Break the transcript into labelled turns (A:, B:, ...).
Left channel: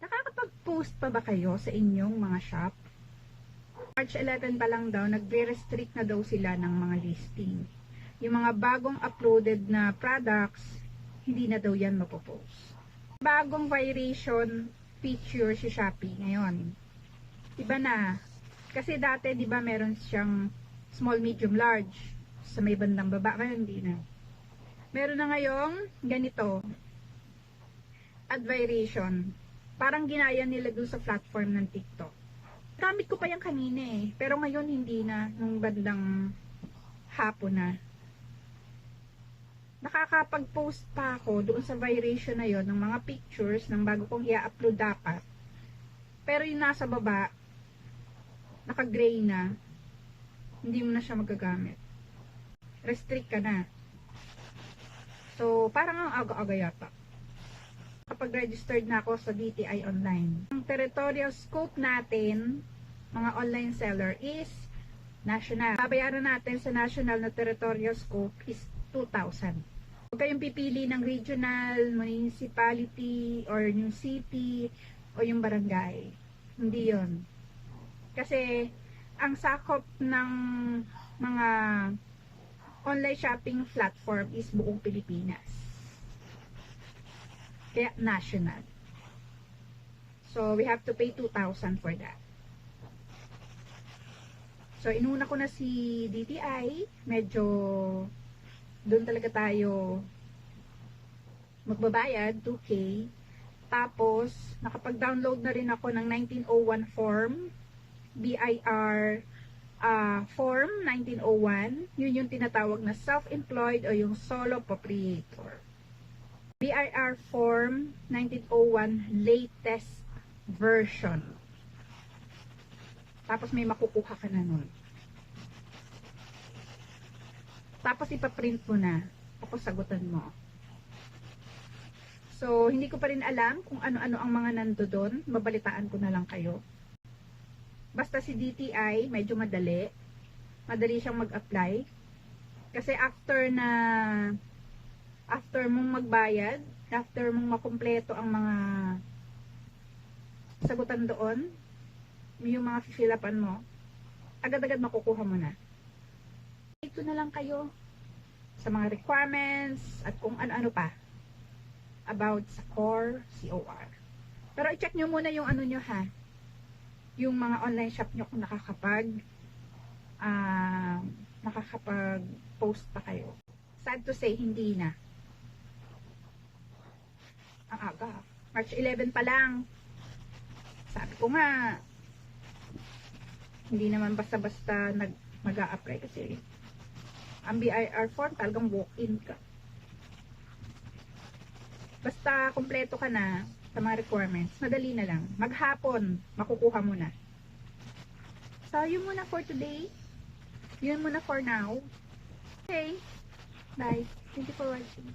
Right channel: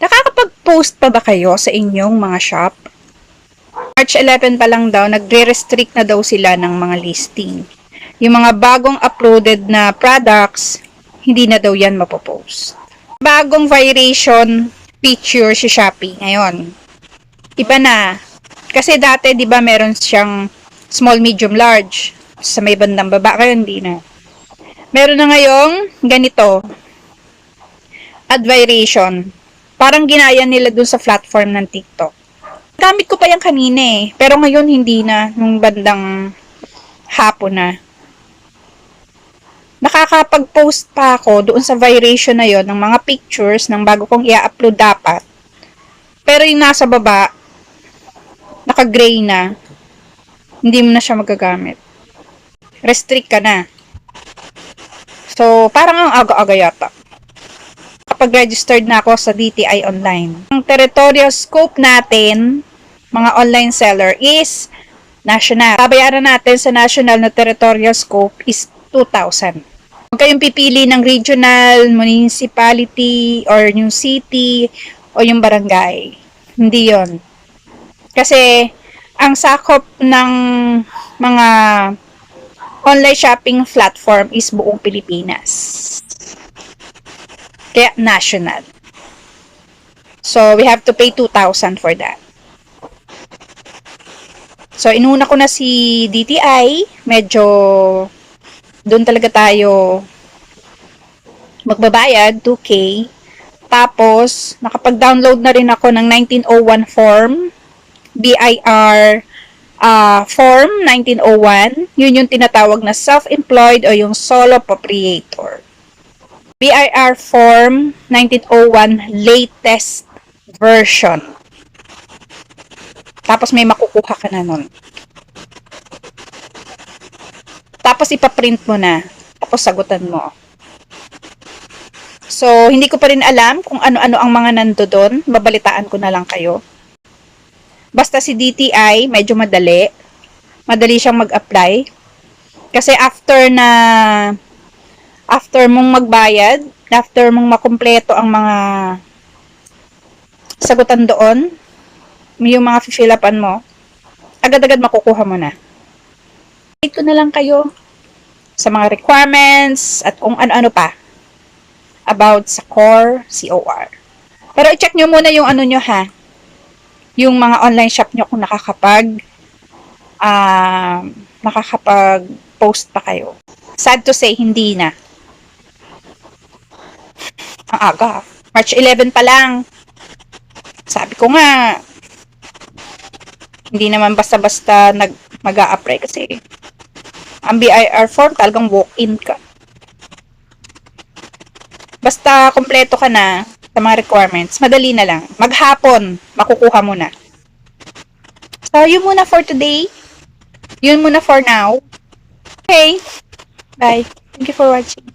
A: Nakakapag-post pa ba kayo sa inyong mga shop? March 11 pa lang daw, nagre-restrict na daw sila ng mga listing. Yung mga bagong uploaded na products, hindi na daw yan mapopost. Bagong variation feature si Shopee ngayon. Iba na. Kasi dati, di ba, meron siyang small, medium, large. Sa may bandang baba, ngayon hindi na. Meron na ngayong ganito. Add variation. Parang ginaya nila dun sa platform ng TikTok. Gamit ko pa yan kanina eh. Pero ngayon hindi na. Nung bandang hapon na. Nakakapag-post pa ako doon sa variation na yon ng mga pictures ng bago kong i-upload dapat. Pero yung nasa baba, naka-gray na, hindi mo na siya magagamit. Restrict ka na. So, parang ang aga-aga yata. Kapag registered na ako sa DTI online. Ang territorial scope natin, mga online seller, is national. Babayaran natin sa national na territorial scope is 2,000. Huwag kayong pipili ng regional, municipality, or yung city, o yung barangay. Hindi yon. Kasi, ang sakop ng mga online shopping platform is buong Pilipinas. Kaya national. So, we have to pay 2,000 for that. So, inuna ko na si DTI. Medyo doon talaga tayo magbabayad, 2K. Tapos, nakapag-download na rin ako ng 1901 form, BIR uh, form 1901. Yun yung tinatawag na self-employed o yung solo proprietor. BIR form 1901 latest version. Tapos may makukuha ka na nun. Tapos ipaprint mo na. Tapos sagutan mo. So, hindi ko pa rin alam kung ano-ano ang mga nando doon. Babalitaan ko na lang kayo. Basta si DTI, medyo madali. Madali siyang mag-apply. Kasi after na after mong magbayad, after mong makumpleto ang mga sagutan doon, yung mga fill upan mo, agad-agad makukuha mo na. Update ko na lang kayo sa mga requirements at kung ano-ano pa about sa core COR. Pero i-check nyo muna yung ano nyo ha, yung mga online shop nyo kung nakakapag um, nakakapag post pa kayo. Sad to say, hindi na. Ang aga. March 11 pa lang. Sabi ko nga, hindi naman basta-basta nag mag apply kasi ang BIR form talagang walk-in ka. Basta kompleto ka na sa mga requirements, madali na lang. Maghapon, makukuha mo na. So, yun muna for today. Yun muna for now. Okay. Bye. Thank you for watching.